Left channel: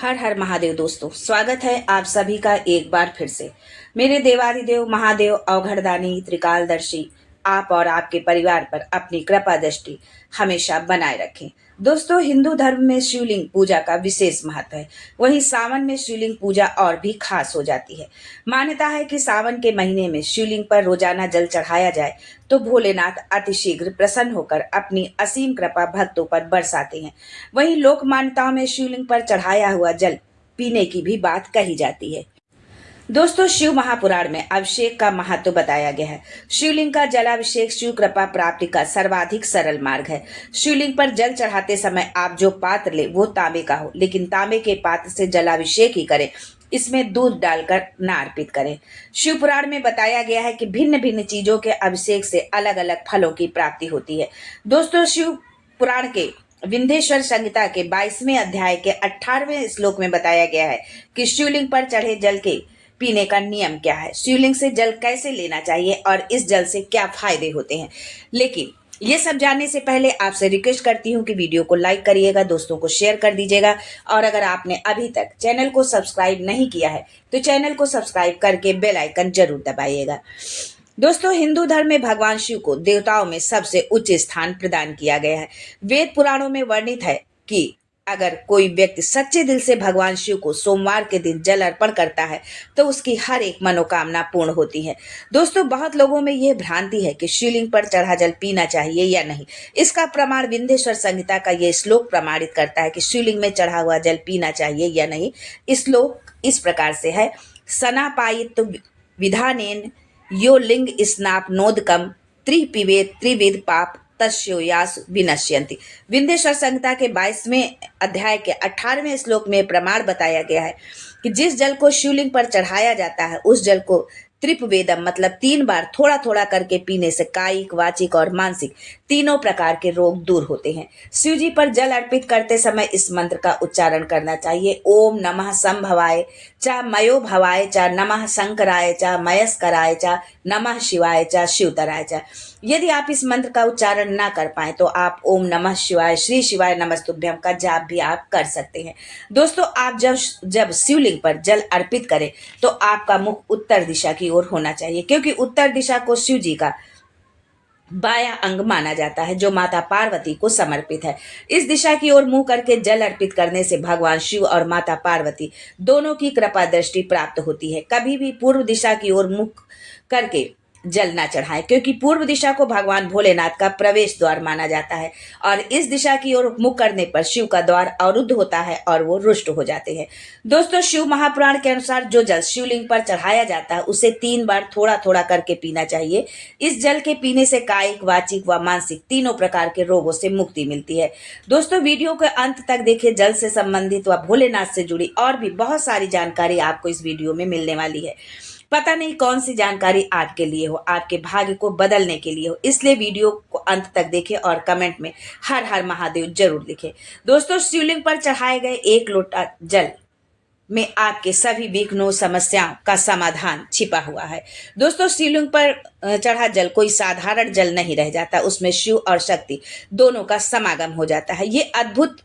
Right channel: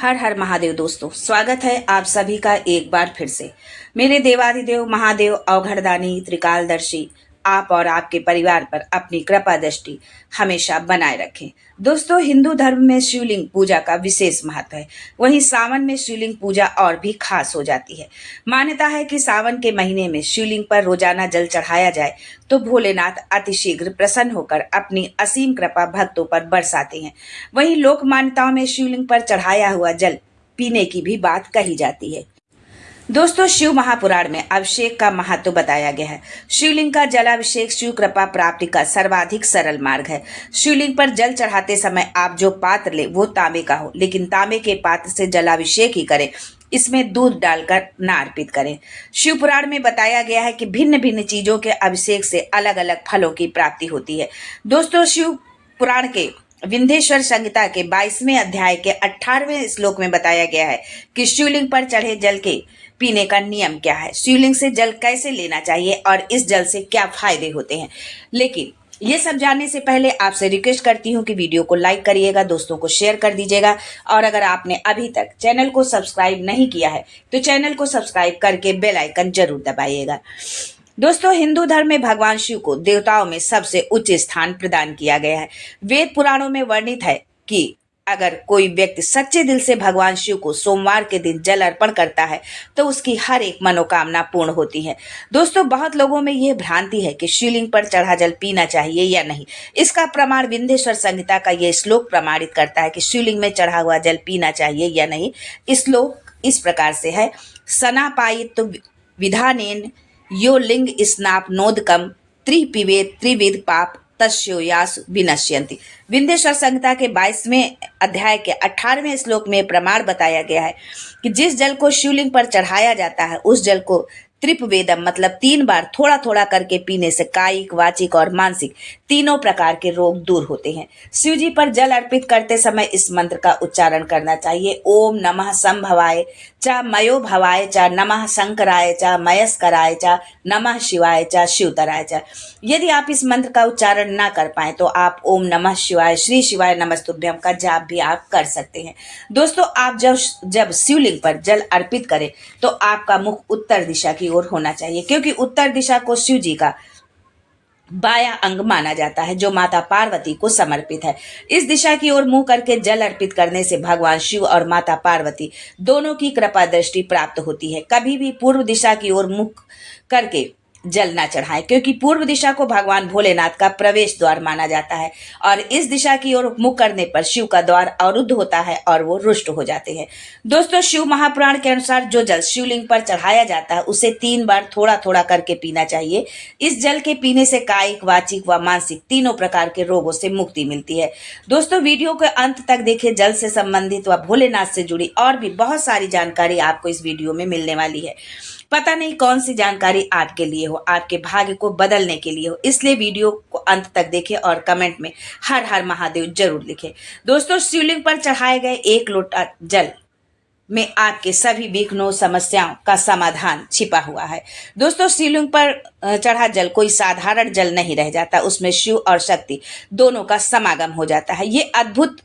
हर हर महादेव दोस्तों, स्वागत है आप सभी का एक बार फिर से। मेरे देवाधिदेव महादेव अवघड़दानी त्रिकालदर्शी आप और आपके परिवार पर अपनी कृपा दृष्टि हमेशा बनाए रखें। दोस्तों, हिंदू धर्म में शिवलिंग पूजा का विशेष महत्व है। वहीं सावन में शिवलिंग पूजा और भी खास हो जाती है। मान्यता है कि सावन के महीने में शिवलिंग पर रोजाना जल चढ़ाया जाए तो भोलेनाथ अतिशीघ्र प्रसन्न होकर अपनी असीम कृपा भक्तों पर बरसाते हैं। वहीं लोक मान्यताओं में शिवलिंग पर चढ़ाया हुआ जल पीने की भी बात कही जाती है। दोस्तों, शिव महापुराण में अभिषेक का महत्व बताया गया है। शिवलिंग का जलाभिषेक शिव कृपा प्राप्ति का सर्वाधिक सरल मार्ग है। शिवलिंग पर जल चढ़ाते समय आप जो पात्र ले वो तांबे का हो, लेकिन तांबे के पात्र से जलाभिषेक ही करें। इसमें दूध डालकर न अर्पित करें। शिव पुराण में बताया गया है कि भिन्न भिन्न चीजों के अभिषेक से अलग अलग फलों की प्राप्ति होती है। दोस्तों, शिव पुराण के विंध्येश्वर संहिता के 22वें अध्याय के 18वें श्लोक में बताया गया है कि शिवलिंग पर चढ़े जल के पीने का नियम क्या है, शिवलिंग से जल कैसे लेना चाहिए और इस जल से क्या फायदे होते हैं। लेकिन ये सब जानने से पहले आपसे रिक्वेस्ट करती हूँ कि वीडियो को लाइक करिएगा, दोस्तों को शेयर कर दीजिएगा और अगर आपने अभी तक चैनल को सब्सक्राइब नहीं किया है तो चैनल को सब्सक्राइब करके बेल आइकन जरूर दबाइएगा। दोस्तों, हिंदू धर्म में भगवान शिव को देवताओं में सबसे उच्च स्थान प्रदान किया गया है। वेद पुराणों में वर्णित है कि अगर कोई व्यक्ति सच्चे दिल से भगवान शिव को सोमवार के दिन जल अर्पण करता है तो उसकी हर एक मनोकामना पूर्ण होती है। दोस्तों, बहुत लोगों में यह भ्रांति है कि शिवलिंग पर चढ़ा जल पीना चाहिए या नहीं। इसका प्रमाण विंध्येश्वर संहिता का यह श्लोक प्रमाणित करता है कि शिवलिंग में चढ़ा हुआ जल पीना चाहिए या नहीं। इस श्लोक इस प्रकार से है: सनापायित विधानेन यो लिंग स्नापनोदकम त्रिपिवेद त्रिविध पाप तस्योयास विनश्यन्ति। विंध्येश्वर संहिता के 22वें अध्याय के 18वें श्लोक में प्रमाण बताया गया है कि जिस जल को शिवलिंग पर चढ़ाया जाता है उस जल को त्रिपवेदम मतलब 3 बार थोड़ा थोड़ा करके पीने से कायिक, वाचिक और मानसिक तीनों प्रकार के रोग दूर होते हैं। शिव जी पर जल अर्पित करते समय इस मंत्र का उच्चारण करना चाहिए: ओम नमः संभवाय च मयो भवाय च नमः शंकराय च मयस्कराय च नमः शिवाय च शिवतराय च। यदि आप इस मंत्र का उच्चारण ना कर पाए तो आप ओम नमः शिवाय, श्री शिवाय नमस्तुभ्यम का जाप भी आप कर सकते हैं। दोस्तों, आप जब शिवलिंग पर जल अर्पित करें तो आपका मुख उत्तर दिशा की ओर होना चाहिए, क्योंकि उत्तर दिशा को शिव जी का बायां अंग माना जाता है जो माता पार्वती को समर्पित है। इस दिशा की ओर मुंह करके जल अर्पित करने से भगवान शिव और माता पार्वती दोनों की कृपा दृष्टि प्राप्त होती है। कभी भी पूर्व दिशा की ओर मुख करके जल ना चढ़ाएं, क्योंकि पूर्व दिशा को भगवान भोलेनाथ का प्रवेश द्वार माना जाता है और इस दिशा की ओर मुख करने पर शिव का द्वार अवरुद्ध होता है और वो रुष्ट हो जाते हैं। दोस्तों, शिव महापुराण के अनुसार जो जल शिवलिंग पर चढ़ाया जाता है उसे 3 बार थोड़ा थोड़ा करके पीना चाहिए। इस जल के पीने से कायिक, वाचिक व मानसिक तीनों प्रकार के रोगों से मुक्ति मिलती है। दोस्तों, वीडियो के अंत तक देखिए। जल से संबंधित व भोलेनाथ से जुड़ी और भी बहुत सारी जानकारी आपको इस वीडियो में मिलने वाली है। पता नहीं कौन सी जानकारी आपके लिए हो, आपके भाग्य को बदलने के लिए हो, इसलिए वीडियो को अंत तक देखें और कमेंट में हर हर महादेव जरूर लिखें। दोस्तों, शिवलिंग पर चढ़ाए गए 1 लोटा जल में आपके सभी विघ्नों, समस्याओं का समाधान छिपा हुआ है। दोस्तों, शिवलिंग पर चढ़ा जल कोई साधारण जल नहीं रह जाता, उसमें शिव और शक्ति दोनों का समागम हो जाता है। ये अद्भुत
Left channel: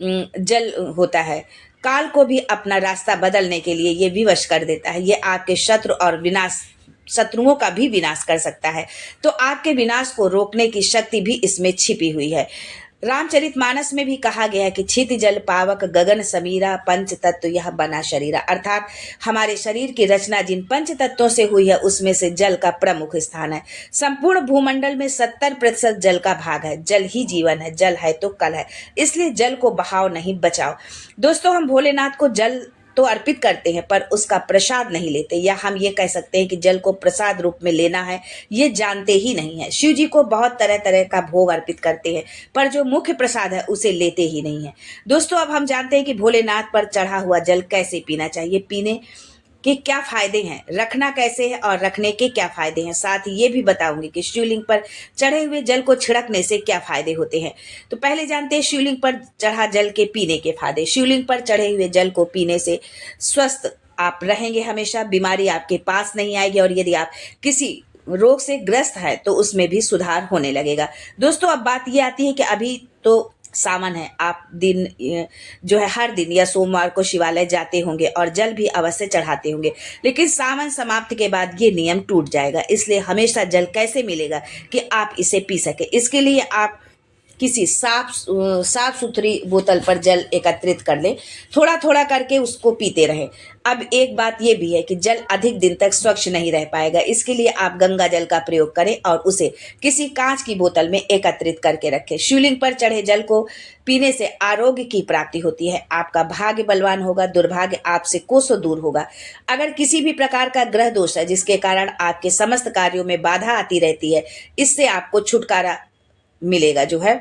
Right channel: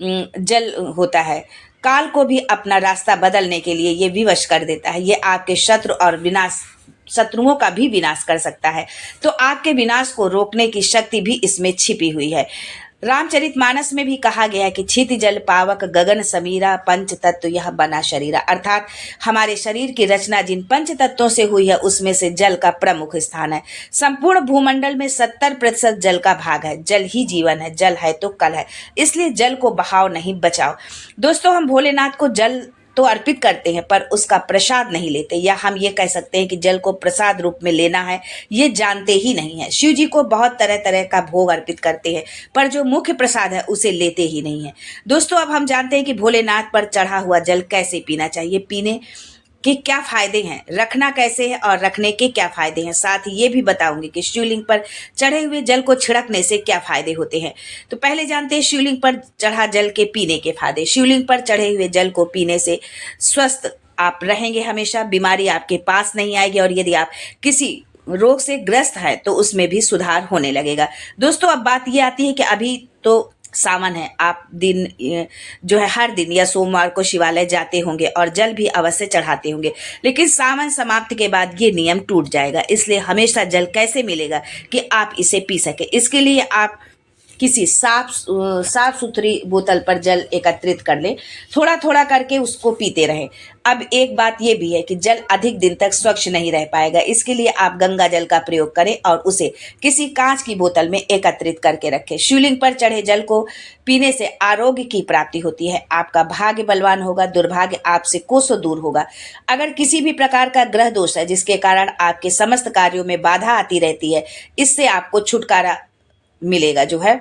जल होता है, काल को भी अपना रास्ता बदलने के लिए ये विवश कर देता है। ये आपके शत्रुओं का भी विनाश कर सकता है। तो आपके विनाश को रोकने की शक्ति भी इसमें छिपी हुई है। रामचरितमानस में भी कहा गया है कि क्षिति जल पावक गगन समीरा पंच तत्व यह बना शरीरा, अर्थात हमारे शरीर की रचना जिन पंच तत्वों से हुई है उसमें से जल का प्रमुख स्थान है। संपूर्ण भूमंडल में 70% जल का भाग है। जल ही जीवन है, जल है तो कल है, इसलिए जल को बहाव नहीं बचाओ। दोस्तों, हम भोलेनाथ को जल तो अर्पित करते हैं पर उसका प्रसाद नहीं लेते, या हम ये कह सकते हैं कि जल को प्रसाद रूप में लेना है ये जानते ही नहीं है। शिव जी को बहुत तरह तरह का भोग अर्पित करते हैं पर जो मुख्य प्रसाद है उसे लेते ही नहीं है। दोस्तों, अब हम जानते हैं कि भोलेनाथ पर चढ़ा हुआ जल कैसे पीना चाहिए, पीने के क्या फायदे हैं, रखना कैसे है और रखने के क्या फायदे हैं। साथ ही ये भी बताऊंगी कि शिवलिंग पर चढ़े हुए जल को छिड़कने से क्या फायदे होते हैं। तो पहले जानते हैं शिवलिंग पर चढ़ा जल के पीने के फायदे। शिवलिंग पर चढ़े हुए जल को पीने से स्वस्थ आप रहेंगे, हमेशा बीमारी आपके पास नहीं आएगी और यदि आप किसी रोग से ग्रस्त है तो उसमें भी सुधार होने लगेगा। दोस्तों, अब बात ये आती है कि अभी तो सावन है, आप दिन जो है हर दिन या सोमवार को शिवालय जाते होंगे और जल भी अवश्य चढ़ाते होंगे, लेकिन सावन समाप्ति के बाद ये नियम टूट जाएगा। इसलिए हमेशा जल कैसे मिलेगा कि आप इसे पी सके। इसके लिए आप किसी साफ सुथरी बोतल पर जल एकत्रित कर लें, थोड़ा थोड़ा करके उसको पीते रहें। अब एक बात यह भी है कि जल अधिक दिन तक स्वच्छ नहीं रह पाएगा, इसके लिए आप गंगा जल का प्रयोग करें और उसे किसी कांच की बोतल में एकत्रित करके रखें। शिवलिंग पर चढ़े जल को पीने से आरोग्य की प्राप्ति होती है, आपका भाग्य बलवान होगा, दुर्भाग्य आपसे कोसों दूर होगा। अगर किसी भी प्रकार का ग्रह दोष है जिसके कारण आपके समस्त कार्यों में बाधा आती रहती है, इससे आपको छुटकारा मिलेगा जो है,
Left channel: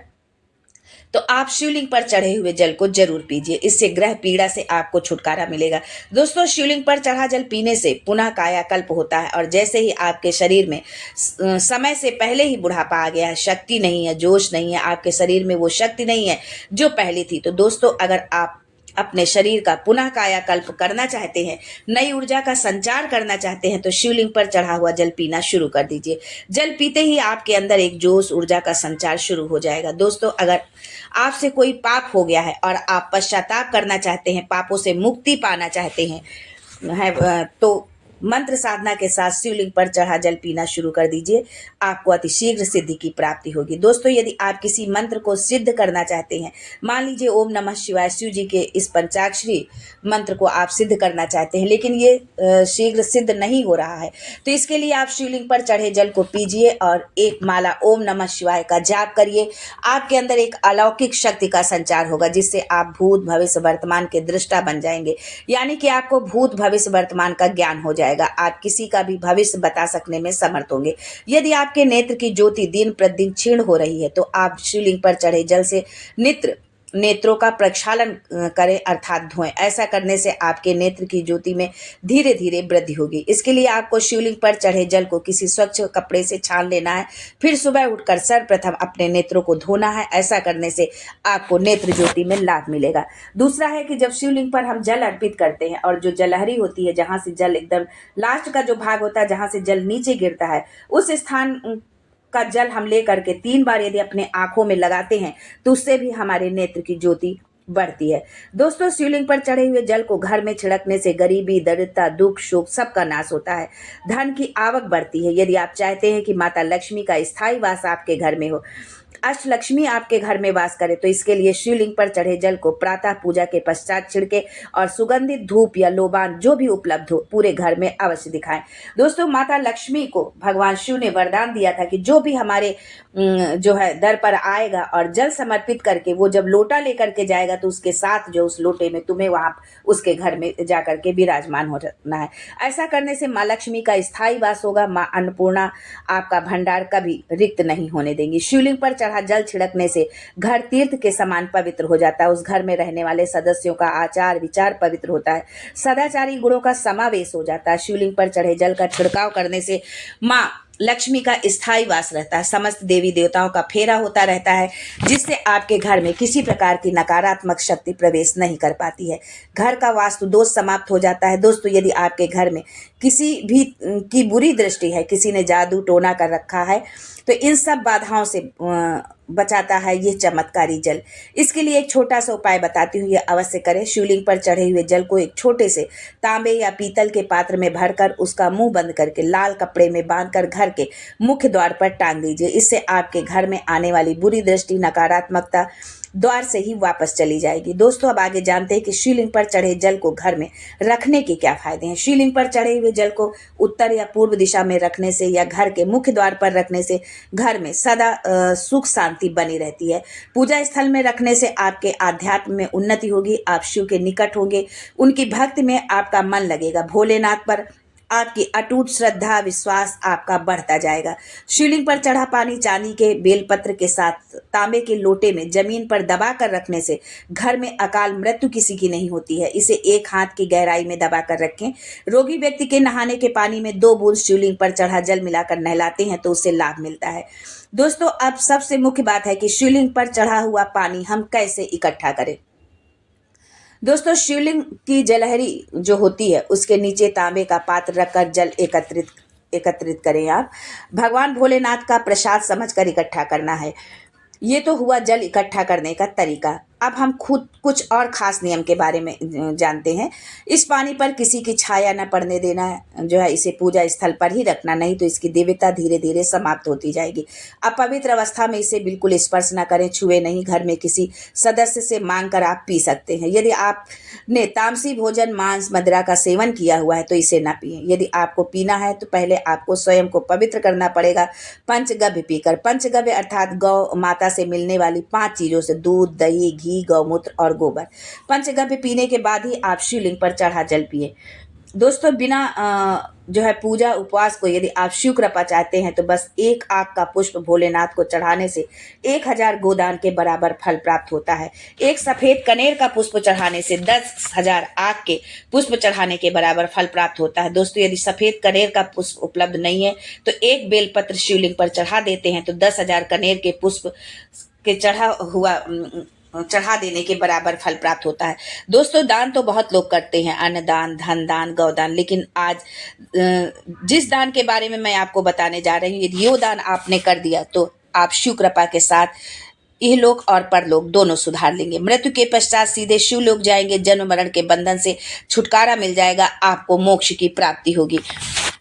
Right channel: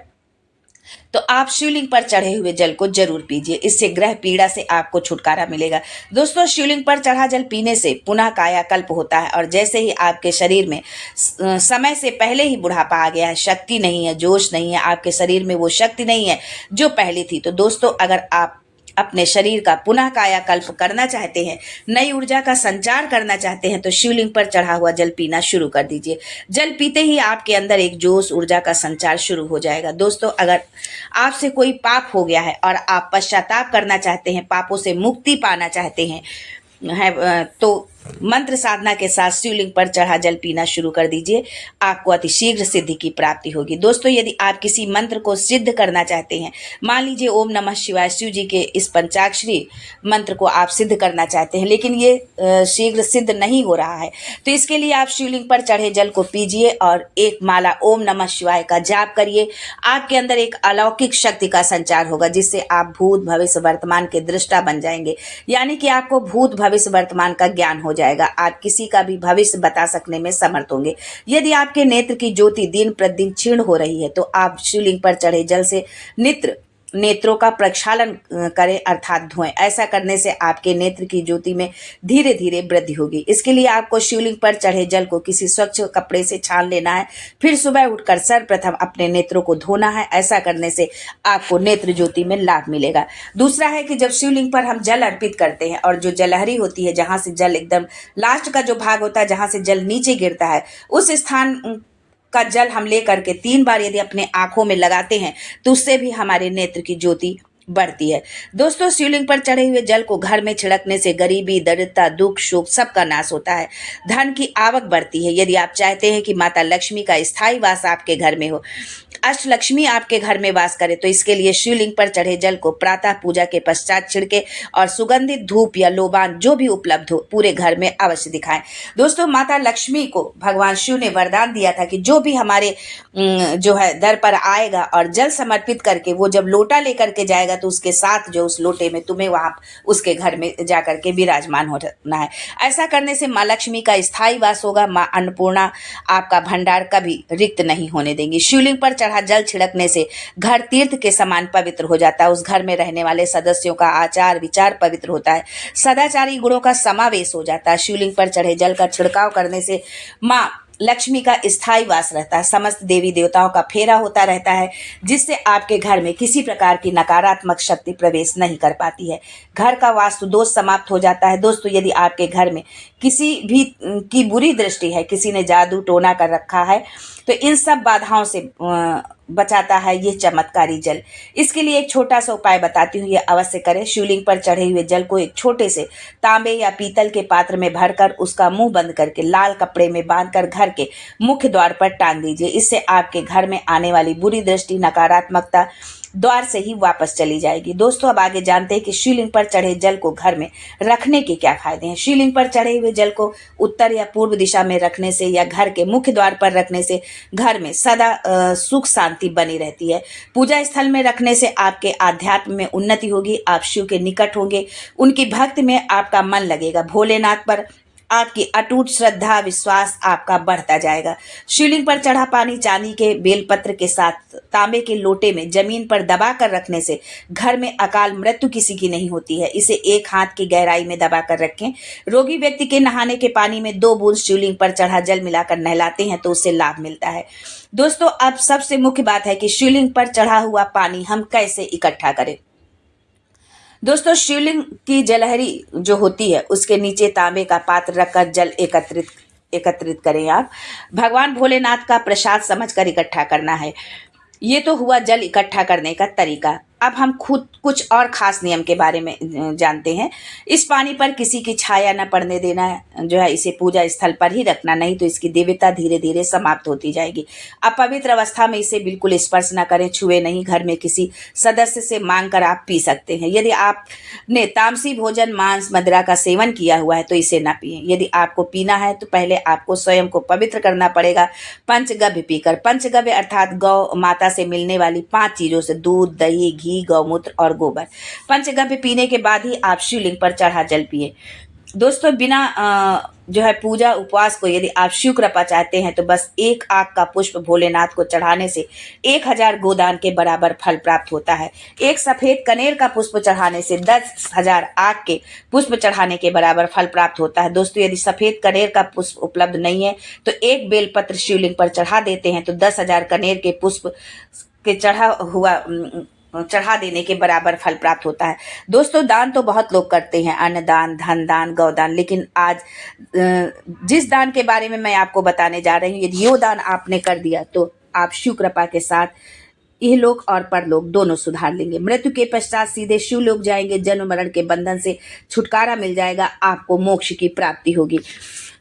तो आप शिवलिंग पर चढ़े हुए जल को जरूर पीजिए। इससे ग्रह पीड़ा से आपको छुटकारा मिलेगा। दोस्तों, शिवलिंग पर चढ़ा जल पीने से पुनः कायाकल्प होता है और जैसे ही आपके शरीर में समय से पहले ही बुढ़ापा आ गया है, शक्ति नहीं है, जोश नहीं है, आपके शरीर में वो शक्ति नहीं है जो पहले थी, तो दोस्तों अगर आप अपने शरीर का पुनः कायाकल्प करना चाहते हैं, नई ऊर्जा का संचार करना चाहते हैं, तो शिवलिंग पर चढ़ा हुआ जल पीना शुरू कर दीजिए। जल पीते ही आपके अंदर एक जोश ऊर्जा का संचार शुरू हो जाएगा। दोस्तों, अगर आपसे कोई पाप हो गया है और आप पश्चाताप करना चाहते हैं, पापों से मुक्ति पाना चाहते हैं तो मंत्र साधना के साथ शिवलिंग पर चढ़ा जल पीना शुरू कर दीजिए, आपको अतिशीघ्र सिद्धि की प्राप्ति होगी। दोस्तों, यदि आप किसी मंत्र को सिद्ध करना चाहते हैं, मान लीजिए ओम नमः शिवाय, शिव जी के इस पंचाक्षरी मंत्र को आप सिद्ध करना चाहते हैं, लेकिन ये शीघ्र सिद्ध नहीं हो रहा है, तो इसके लिए आप शिवलिंग पर चढ़े जल को पीजिए और एक माला ओम नमः शिवाय का जाप करिए। आपके अंदर एक अलौकिक शक्ति का संचार होगा, जिससे आप भूत भविष्य वर्तमान के दृष्टा बन जाएंगे, यानी कि आपको भूत भविष्य वर्तमान का ज्ञान हो जाएगा। आप किसी का भी भविष्य बता सकने में समर्थ होंगे। यदि आपके नेत्र की ज्योति दिन प्रतिदिन क्षीण हो रही है, तो आप शिवलिंग पर चढ़े जल से नेत्रों का प्रक्षालन करें, अर्थात धोएं। ऐसा करने से आपके नेत्र की ज्योति में धीरे धीरे वृद्धि होगी। इसके लिए आपको शिवलिंग पर चढ़े जल को किसी स्वच्छ कपड़े से छान लेना है, फिर सुबह उठकर सर्वप्रथम अपने नेत्रों को धोना है। ऐसा करने से आपको नेत्र ज्योति में लाभ मिलेगा। दूसरा है कि जब शिवलिंग पर हम जल अर्पित करते हैं और जो जलहरी होती है, जहां से जल एकदम लास्ट का जो भाग होता है, जहां से जल नीचे गिरता है, उस स्थान का जल हम लेकर के 3 बार यदि अपने आंखों में लगाते हैं, तो उससे भी हमारे नेत्र की ज्योति बढ़ती है। दोस्तों, शिवलिंग पर चढ़े हुए जल को घर में छिड़कने से गरीबी, दरिद्रता, दुख, शोक सबका नाश होता है, धन की आवक बढ़ती है। यदि आप चाहते हैं कि माता लक्ष्मी का स्थायी वास आपके घर में हो, अष्टलक्ष्मी आपके घर में वास करे, तो इसके लिए शिवलिंग पर चढ़े जल को प्रातः पूजा के पश्चात छिड़के और सुगंधित धूप या लोबान जो भी उपलब्ध हो पूरे घर में अवश्य दिखाएं। दोस्तों, माता लक्ष्मी को भगवान शिव ने वरदान दिया था कि जो भी हमारे जो है दर पर आएगा और जल समर्पित करके वो जब लोटा लेकर के जाएगा, तो उसके साथ जो उस लोटे में तुम्हें वहां उसके घर में जाकर के विराजमान होना है। ऐसा करने से माँ लक्ष्मी का स्थायी वास होगा। माँ अन्नपूर्णा आपका भंडार कभी रिक्त नहीं होने देंगी। शिवलिंग पर चढ़ा जल छिड़कने से घर तीर्थ के समान पवित्र हो जाता है। उस घर में रहने वाले सदस्यों का आचार विचार पवित्र होता है, सदाचारी गुणों का समावेश हो जाता है। शिवलिंग पर चढ़े जल का छिड़काव करने से माँ लक्ष्मी का स्थायी वास रहता है, समस्त देवी देवताओं का फेरा होता रहता है, जिससे आपके घर में किसी प्रकार की नकारात्मक शक्ति प्रवेश नहीं कर पाती है। घर का वास्तु दोष समाप्त हो जाता है। दोस्तों, यदि आपके घर में किसी भी की बुरी दृष्टि है, किसी ने जादू टोना कर रखा है, तो इन सब बाधाओं से बचाता है ये चमत्कारी जल। इसके लिए एक छोटा सा उपाय बताती हूँ, ये अवश्य करें। शिवलिंग पर चढ़े हुए जल को एक छोटे से तांबे या पीतल के पात्र में भरकर उसका मुंह बंद करके लाल कपड़े में बांधकर घर के मुख्य द्वार पर टांग दीजिए। इससे आपके घर में आने वाली बुरी दृष्टि, नकारात्मकता द्वार से ही वापस चली जाएगी। दोस्तों, अब आगे जानते हैं कि शिवलिंग पर चढ़े जल को घर में रखने के क्या फायदे हैं। शिवलिंग पर चढ़े हुए जल को उत्तर या पूर्व दिशा में रखने से या घर के मुख्य द्वार पर रखने से घर में सदा सुख शांति बनी रहती है। पूजा स्थल में रखने से आपके आध्यात्म में उन्नति होगी, आप शिव के निकट होंगे, उनकी भक्ति में आपका मन लगेगा, भोलेनाथ पर आपकी अटूट श्रद्धा विश्वास आपका बढ़ता जाएगा। शिवलिंग पर चढ़ा पानी चांदी के बेलपत्र के साथ तांबे के लोटे में जमीन पर दबा कर रखने से घर में अकाल मृत्यु किसी की नहीं होती है। इसे 1 हाथ की गहराई में दबा कर रखें। रोगी व्यक्ति के नहाने के पानी में 2 बूंद शिवलिंग पर चढ़ा जल मिलाकर नहलाते हैं तो उससे लाभ मिलता है। दोस्तों, अब सबसे मुख्य बात है कि शिवलिंग पर चढ़ा हुआ पानी हम कैसे इकट्ठा करें। दोस्तों, शिवलिंग की जलहरी जो होती है उसके नीचे तांबे का पात्र रखकर जल एकत्रित करें। आप भगवान भोलेनाथ का प्रसाद समझकर इकट्ठा करना है। ये तो हुआ जल इकट्ठा करने का तरीका। अब हम खुद कुछ और खास नियम के बारे में जानते हैं। इस पानी पर किसी की छाया न पड़ने देना, जो है इसे पूजा स्थल पर ही रखना, नहीं तो इसकी दिव्यता धीरे धीरे समाप्त होती जाएगी। अपवित्र अवस्था में इसे बिल्कुल स्पर्श न करें, छुए नहीं। घर में किसी सदस्य से मांग कर आप पी सकते हैं। यदि आपने तामसी भोजन, मांस, मदिरा का सेवन किया हुआ है तो इसे न पिए। यदि आपको पीना है तो पहले आपको स्वयं को पवित्र करना पड़ेगा पंचगव्य पीकर। पंचगव्य अर्थात गौ माता से मिलने वाली 5 चीजों से, दूध, दही, घी, गौमूत्र और गोबर। पंचगव्य पीने के बाद ही आप शिवलिंग पर चढ़ा जल पिए। दोस्तों, बिना जो है पूजा उपवास को यदि आप शिव कृपा चाहते हैं तो बस 1 आक का पुष्प भोलेनाथ को चढ़ाने से 1000 गोदान के बराबर फल प्राप्त होता है। एक सफेद कनेर का पुष्प चढ़ाने से 10,000 आक के पुष्प चढ़ाने के बराबर फल प्राप्त होता है। दोस्तों, यदि सफेद कनेर का पुष्प उपलब्ध नहीं है तो एक बेलपत्र शिवलिंग पर चढ़ा देते हैं तो 10,000 कनेर के पुष्प के चढ़ा देने के बराबर फल प्राप्त होता है। दोस्तों, दान तो बहुत लोग करते हैं, अन्न दान, धन दान, गौदान, लेकिन आज जिस दान के बारे में मैं आपको बताने जा रही हूँ, यदि यो दान आपने कर दिया तो आप शिव कृपा के साथ इहलोक और परलोक दोनों सुधार लेंगे। मृत्यु के पश्चात सीधे शिवलोक जाएंगे, जन्म मरण के बंधन से छुटकारा मिल जाएगा, आपको मोक्ष की प्राप्ति होगी।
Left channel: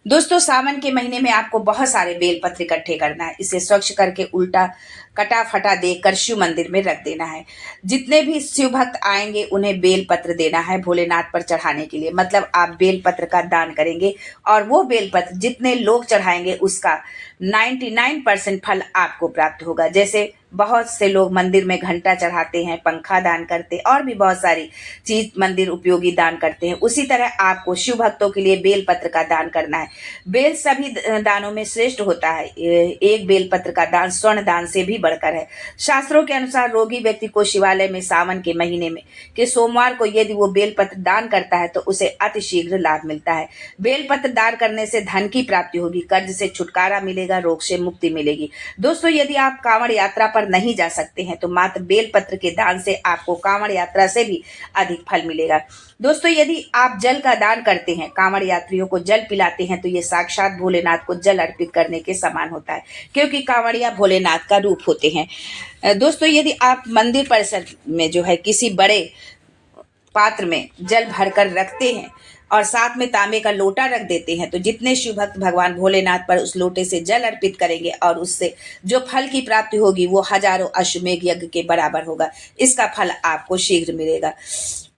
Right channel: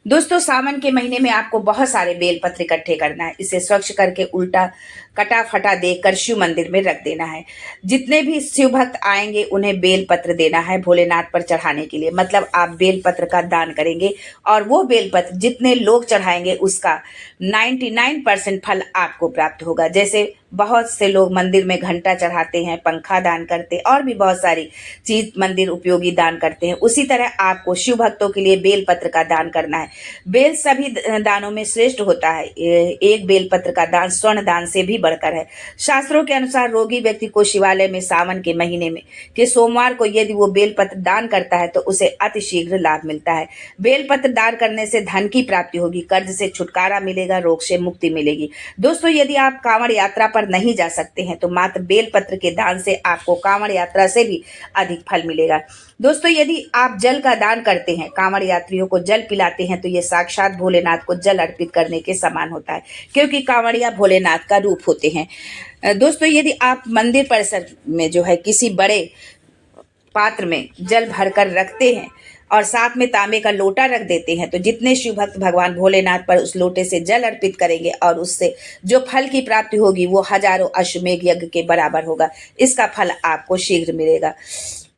दोस्तों, सावन के महीने में आपको बहुत सारे बेलपत्र इकट्ठे करना है। इसे स्वच्छ करके उल्टा कटा फटा देकर शिव मंदिर में रख देना है। जितने भी शिव भक्त आएंगे उन्हें बेलपत्र देना है भोलेनाथ पर चढ़ाने के लिए। मतलब आप बेलपत्र का दान करेंगे और वो बेलपत्र जितने लोग चढ़ाएंगे उसका 99% फल आपको प्राप्त होगा। जैसे बहुत से लोग मंदिर में घंटा चढ़ाते हैं, पंखा दान करते हैं और भी बहुत सारी चीज मंदिर उपयोगी दान करते हैं, उसी तरह आपको शिव भक्तों के लिए बेलपत्र का दान करना है। बेल सभी दानों में श्रेष्ठ होता है। एक बेलपत्र का दान स्वर्ण दान से भी बढ़कर है। शास्त्रों के अनुसार रोगी व्यक्ति को शिवालय में सावन के महीने में के सोमवार को यदि वो बेलपत्र दान करता है तो उसे अतिशीघ्र लाभ मिलता है। बेलपत्र दान करने से धन की प्राप्ति होगी, कर्ज से छुटकारा मिलेगा, रोग से मुक्ति मिलेगी। दोस्तों, यदि आप कांवड़ यात्रा पर नहीं जा सकते हैं तो मात्र बेलपत्र के दान से आपको कांवड़ यात्रा से भी अधिक फल मिलेगा। दोस्तों, यदि आप जल का दान करते हैं, कांवड़ यात्रियों को जल पिलाते हैं तो ये साक्षात भोलेनाथ को जल अर्पित करने के समान होता है, क्योंकि कांवड़िया भोलेनाथ का रूप होते हैं। दोस्तों, यदि आप मंदिर परिसर में जो है किसी बड़े पात्र में जल भरकर रखते हैं और साथ में तांबे का लोटा रख देते हैं तो जितने शिव भक्त भगवान भोलेनाथ पर उस लोटे से जल अर्पित करेंगे और उससे जो फल की प्राप्ति होगी वो हजारों अश्वमेघ यज्ञ के बराबर होगा। इसका फल आपको शीघ्र मिलेगा।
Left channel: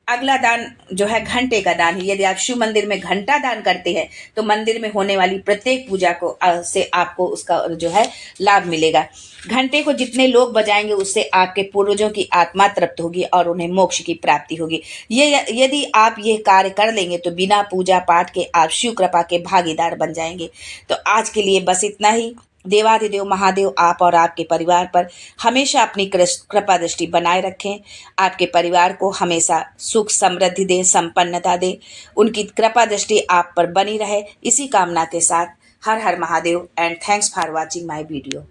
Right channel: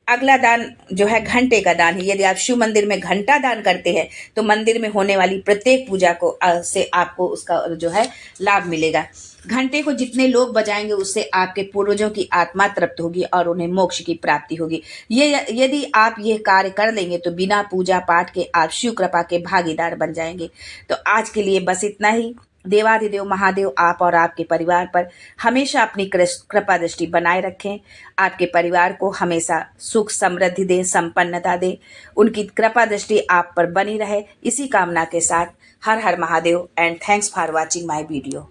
अगला दान जो है घंटे का दान है। यदि आप शिव मंदिर में घंटा दान करते हैं तो मंदिर में होने वाली प्रत्येक पूजा को से आपको उसका जो है लाभ मिलेगा। घंटे को जितने लोग बजाएंगे उससे आपके पूर्वजों की आत्मा तृप्त होगी और उन्हें मोक्ष की प्राप्ति होगी। ये यदि आप ये कार्य कर लेंगे तो बिना पूजा पाठ के आप शिव कृपा के भागीदार बन जाएंगे। तो आज के लिए बस इतना ही। देवाधिदेव महादेव आप और आपके परिवार पर हमेशा अपनी कृपा दृष्टि बनाए रखें। आपके परिवार को हमेशा सुख समृद्धि दें, संपन्नता दें। उनकी कृपा दृष्टि आप पर बनी रहे, इसी कामना के साथ हर हर Mahadev and thanks for watching my video.